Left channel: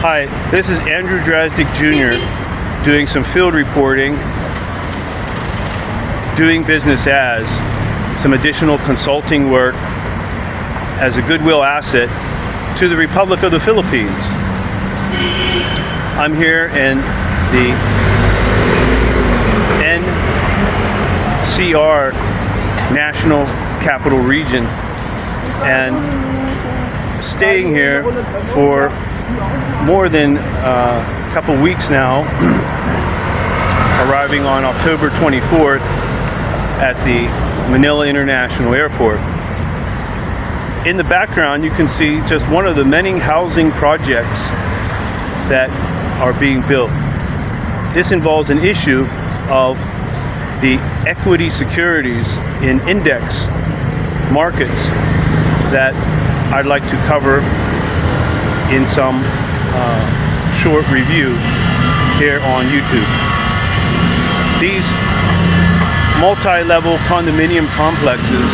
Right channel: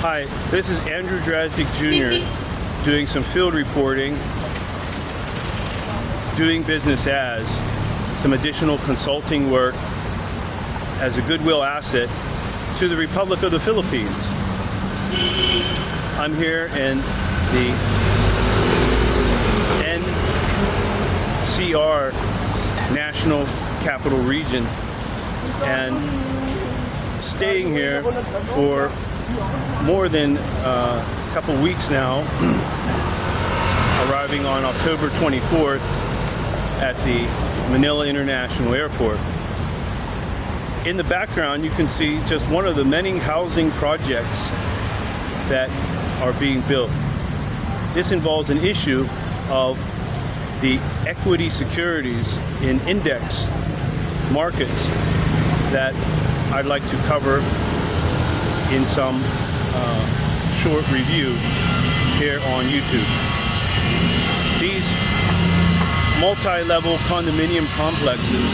Hi, this is Andrew Drazdik Jr. doing some field reporting, doing business as some additional consulting work as a goodwill asset to the Republic of the Philippines. I'm here in the NCR National Capital Region and staying here for more than a couple weeks now, arriving on October 24th at the Manila International Airport. In the background you can see just one of the many housing projects that are being built. This involves an issue of the equity securities in index markets that I'd like to cover in some short review here on YouTube. These multi-level condominium complexes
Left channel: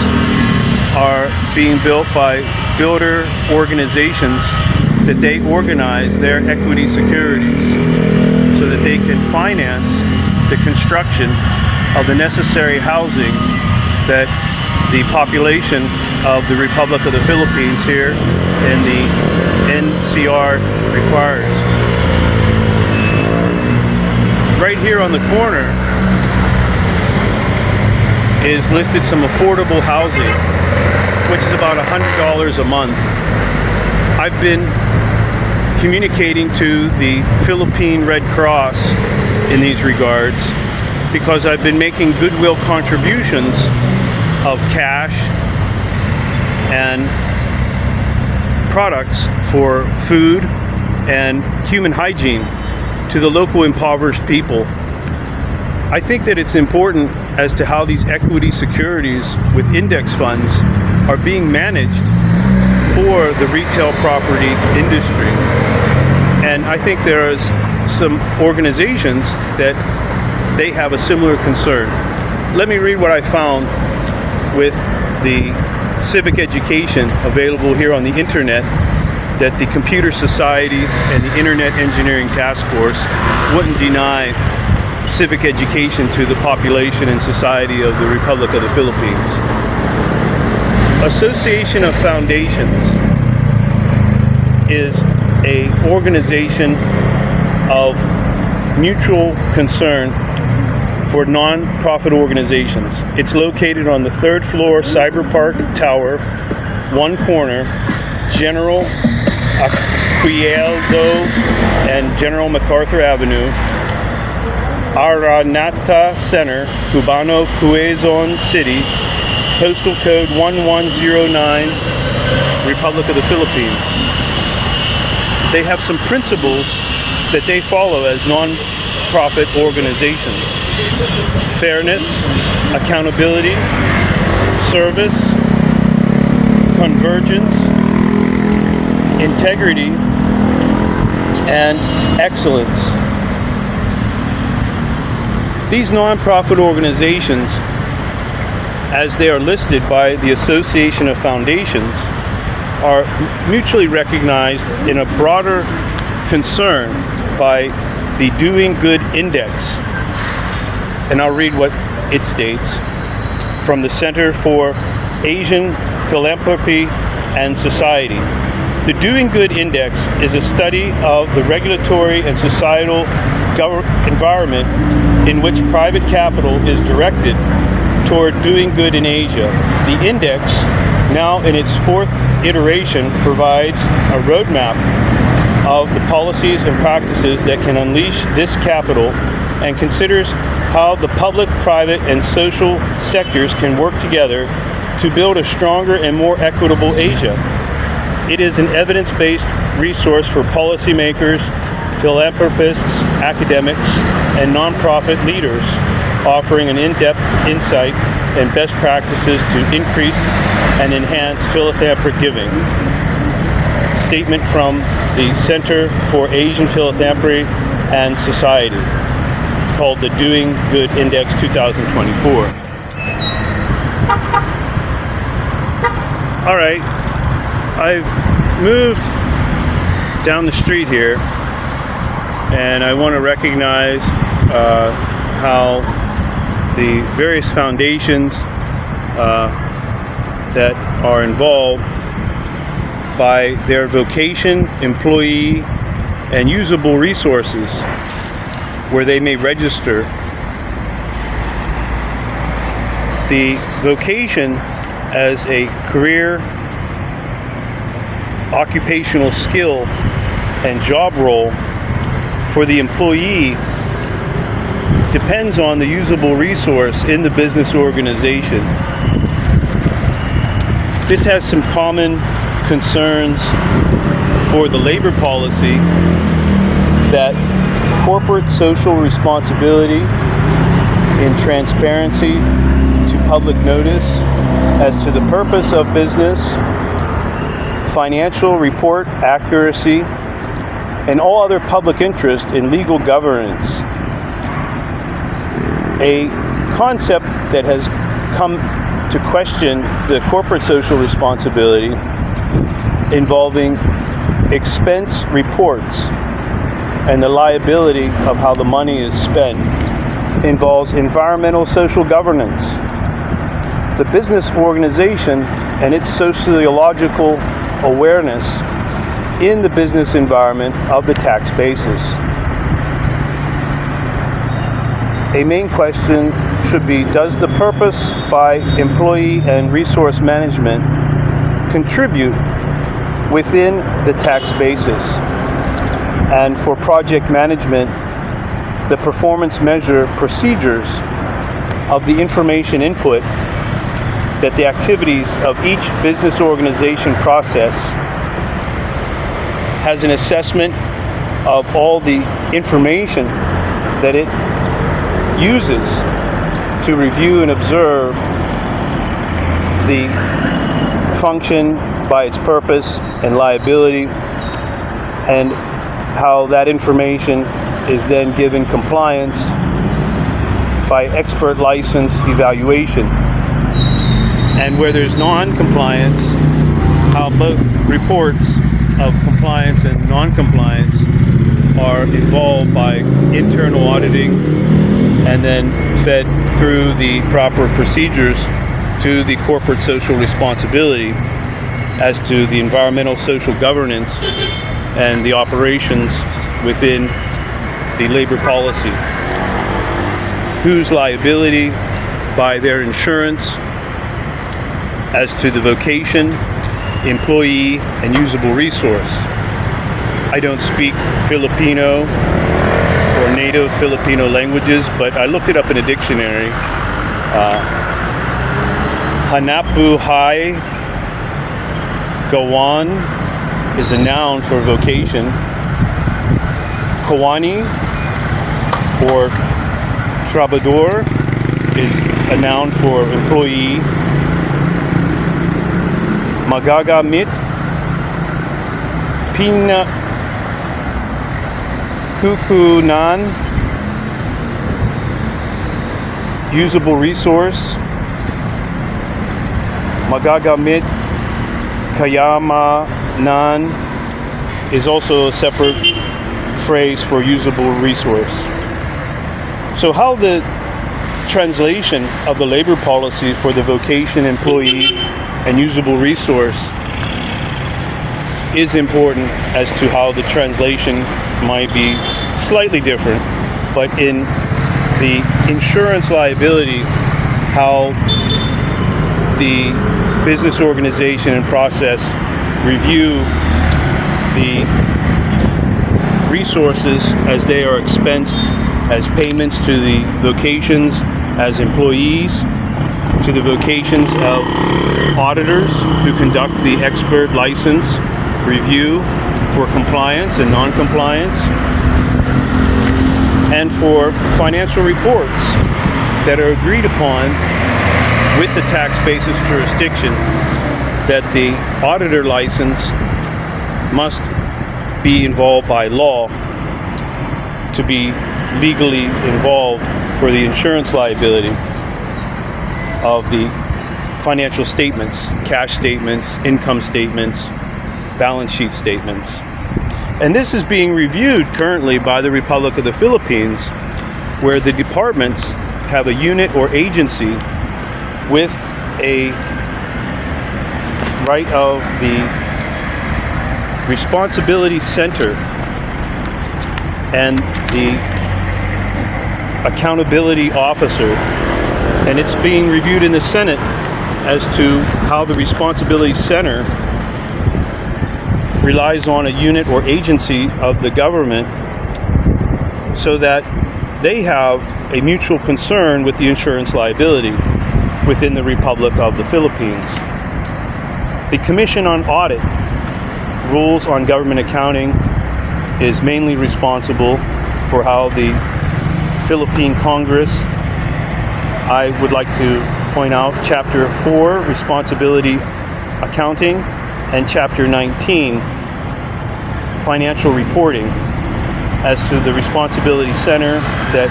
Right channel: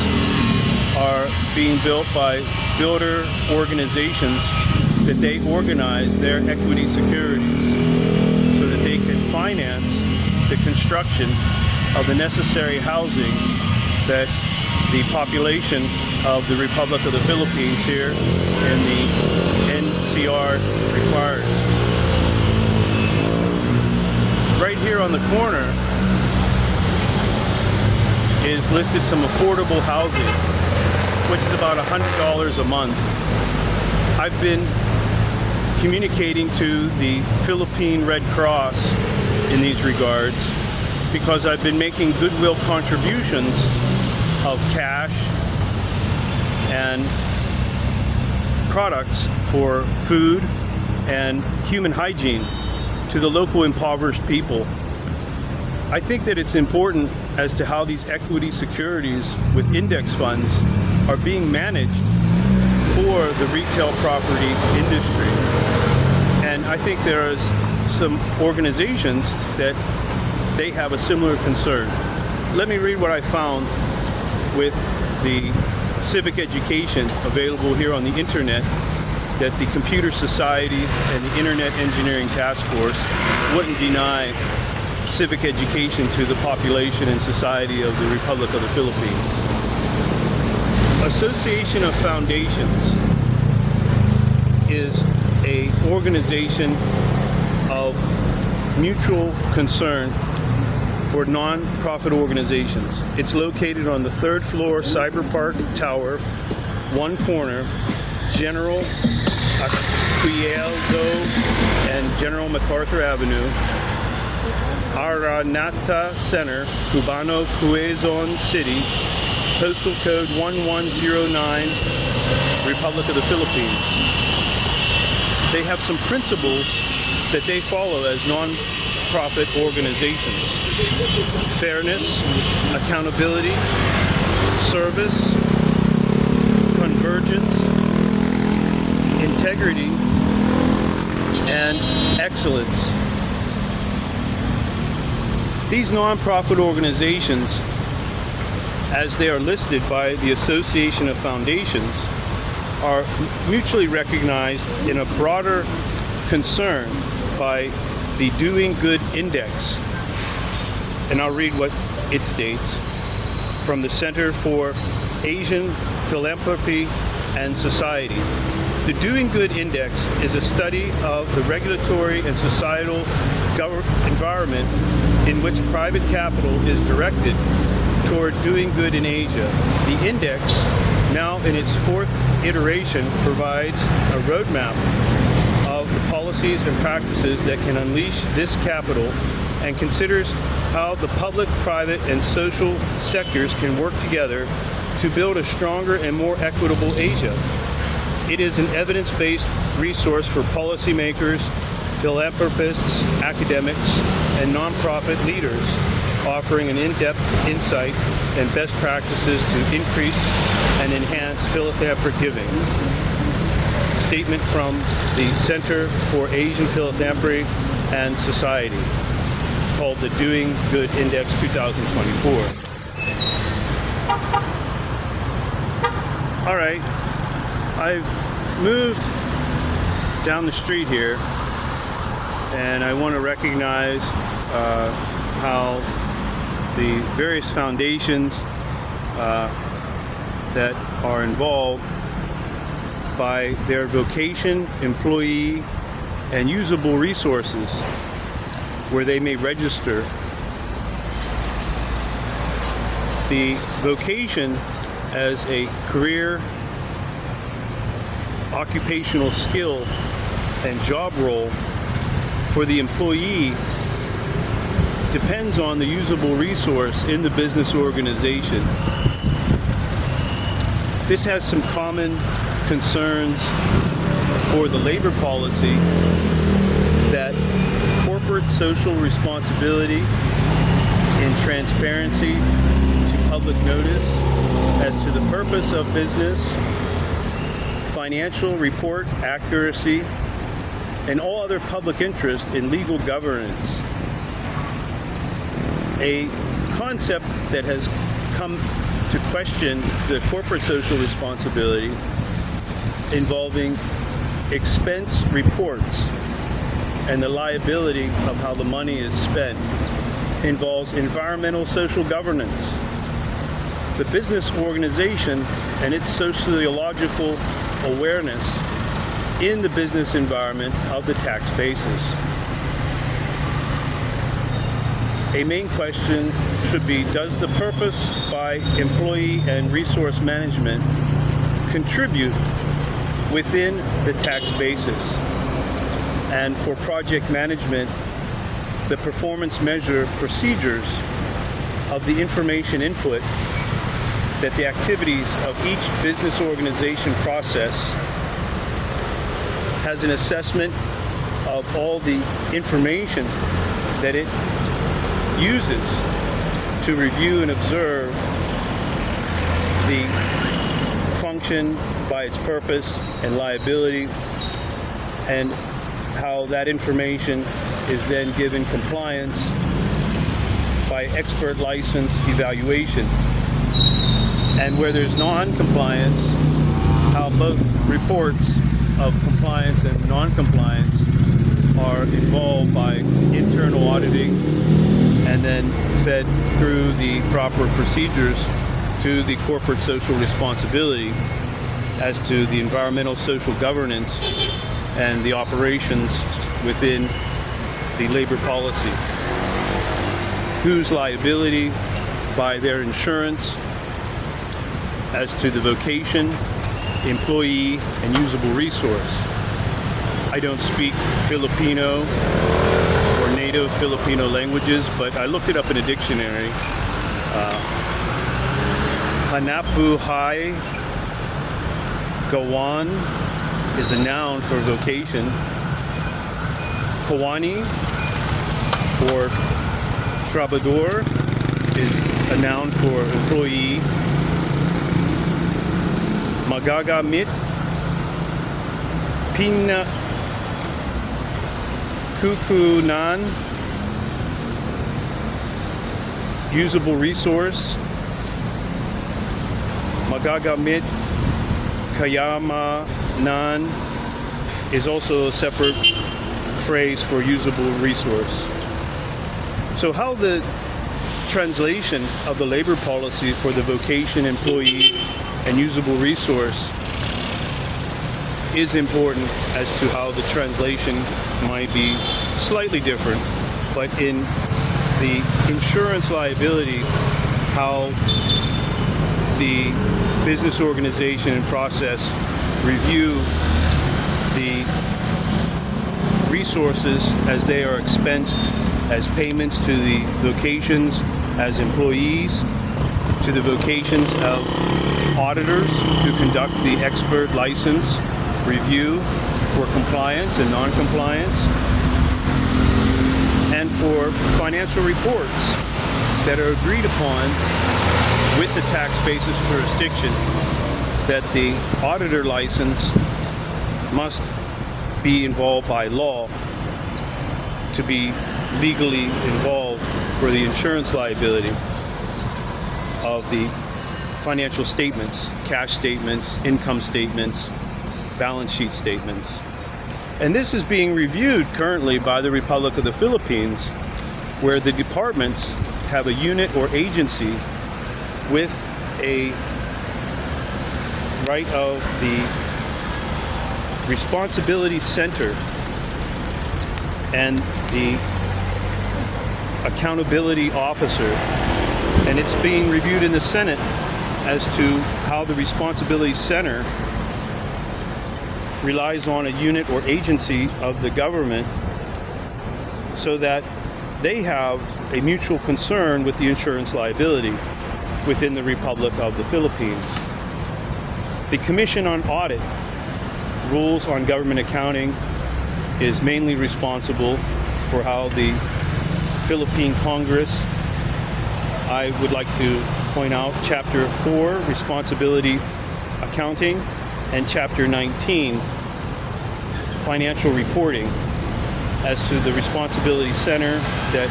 are being built by builder organizations that they organize their equity securities so that they can finance the construction of the necessary housing that the population of the Republic of the Philippines here in the NCR requires. Right here on the corner is listed some affordable housing, which is about $100 a month. I've been communicating to the Philippine Red Cross in these regards because I've been making goodwill contributions of cash and products for food and human hygiene to the local impoverished people. I think that it's important as to how these equity securities with index funds are being managed for the retail property industry. And I think there is some organizations that they have a similar concern. Let me read what I found with the Civic Education available here on the internet that the Computer Society and the Internet Engineering Task Force wouldn't deny civic education to the population and society of the Republic of the Philippines. Association of Foundations is an organization of mutual concern for non-profit organizations. It's located on the third floor Cyberpark Tower, one corner, General Aguinaldo and General MacArthur Avenue, Araneta Center, Cubano, Quezon City, postal code 1109, Republic of the Philippines. They have some principles that they follow as non-profit organizations: fairness, accountability, service, convergence, integrity, and excellence. These non-profit organizations, as they are listed by the Association of Foundations, are mutually recognized in a broader concern by the Doing Good Index. And I'll read what it states from the Center for Asian Philanthropy and Society. The Doing Good Index is a study of the regulatory and societal environment in which private capital is directed toward doing good in Asia. The index, now in its fourth iteration, provides a roadmap of the policies and practices that can unleash this capital and considers how the public, private, and social sectors can work together to build a stronger and more equitable Asia. It is an evidence-based resource for policymakers, philanthropists, academics, and nonprofit leaders, offering an in-depth insight and best practices to increase and enhance philanthropic giving. Statement from the Center for Asian Philanthropy and Society, called the Doing Good Index 2024. All right, I've moved down the street here, and I want to recognize how the various foundations that are involved by their vocation, employee, and usable resources where they may register. The vocation as a career, occupational skill, and job role for the employee depends on the usable resource in the business organization. This has some common concerns for the labor policy that corporate social responsibility in transparency to public notice as to the purpose of business, financial report accuracy, and all other public interest in legal governance. A concept that has come to question the corporate social responsibility involving expense reports and the liability of how the money is spent involves environmental social governance. The business organization and its sociological awareness in the business environment of the tax basis. A main question should be, does the purpose by employee and resource management contribute within the tax basis? And for project management, the performance measure procedures of the information input that the activities of each business organization process has an assessment of all the information that it uses to review and observe the function by its purpose and liability, and how that information is then given compliance by expert license evaluation. And where there's non-compliance, how both reports of compliance and non-compliance are involved by internal auditing and then fed through the proper procedures to the corporate social responsibility as to the environmental social governance and the operations within the labor policy. Whose liability by their insurance as to the vocation, employee, and usable resource. I don't speak Filipino or native Filipino languages, but I looked it up in a dictionary. Hanapbuhay, gawain is a noun for vocation. Kawani or trabahador is a noun for employee. Magagamit, pinagkukunan, usable resource. Magagamit, kayamanan is also a separate phrase for usable resource. So how the translation of the labor policy for the vocation, employee, and usable resource is important as to how the translation might be slightly different, but in the insurance liability, how the business organization and process review the resources as they are expensed as payments to the vocations as employees, to the vocations of auditors who conduct the expert license review for compliance and non-compliance, and for financial reports that are agreed upon with the tax basis jurisdiction, that the auditor license must be involved by law to be legally involved for the insurance liability of the financial statements, cash statements, income statements, balance sheet statements. And this is being reviewed currently by the Republic of the Philippines, where the departments have a unit or agency with a right of the responsibility center and the accountability officer, and it's being reviewed in the Senate as to how the responsibility center relies on a unit or agency of the government so that they have a mutual concern with the insurance liability within the Republic of the Philippines. The Commission on Audit, Rules on Government Accounting is mainly responsible for how the Philippine Congress, I would like to point out Chapter 4, Responsibility Accounting, and Chapter 19, Financial Reporting, as to the Responsibility Center that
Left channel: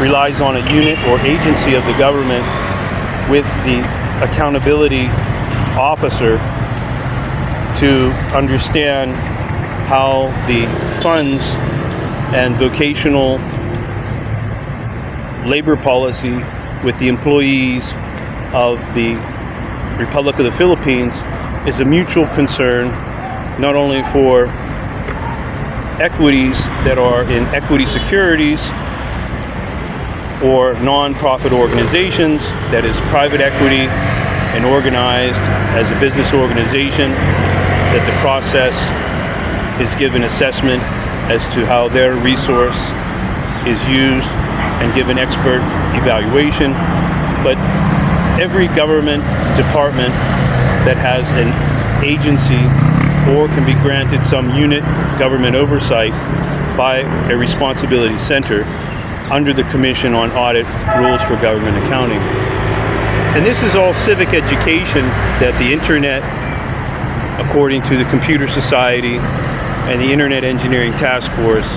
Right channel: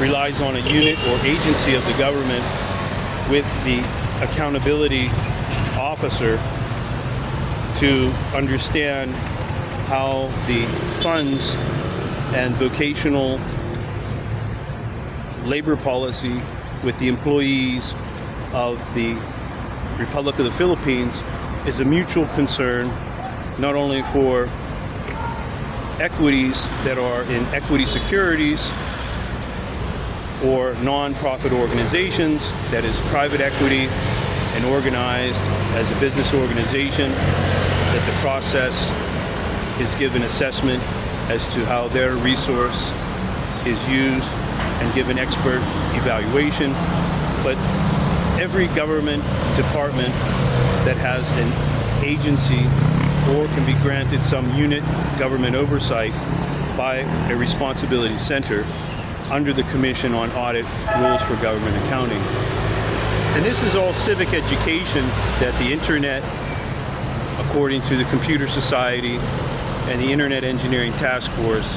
relies on a unit or agency of the government with the accountability officer to understand how the funds and vocational labor policy with the employees of the Republic of the Philippines is a mutual concern, not only for equities that are in equity securities or non-profit organizations, that is private equity and organized as a business organization, that the process is given assessment as to how their resource is used and given expert evaluation. But every government department that has an agency or can be granted some unit government oversight by a responsibility center under the Commission on Audit, Rules for Government Accounting. And this is all civic education that the Internet, according to the Computer Society and the Internet Engineering Task Force,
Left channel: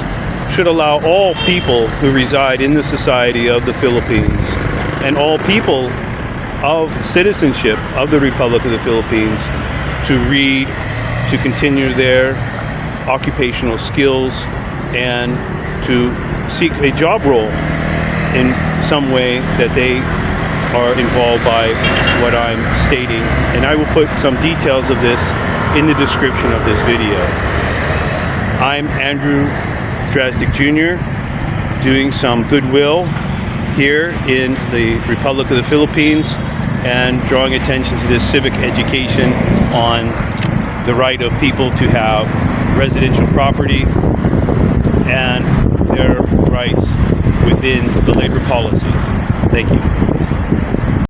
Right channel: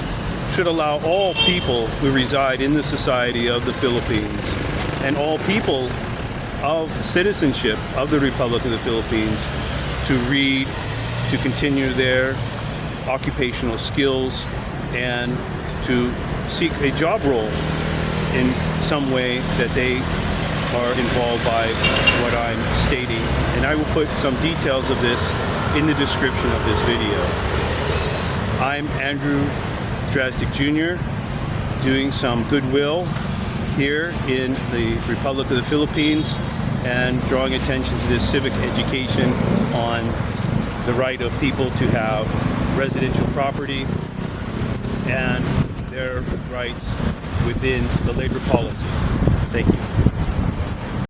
should allow all people who reside in the society of the Philippines and all people of citizenship of the Republic of the Philippines to read, to continue their occupational skills, and to seek a job role in some way that they are involved by what I'm stating. And I will put some details of this in the description of this video. I'm Andrew Drazdik Jr., doing some goodwill here in the Republic of the Philippines and drawing attention to this civic education on the right of people to have residential property and their rights within the labor policy. Thank you.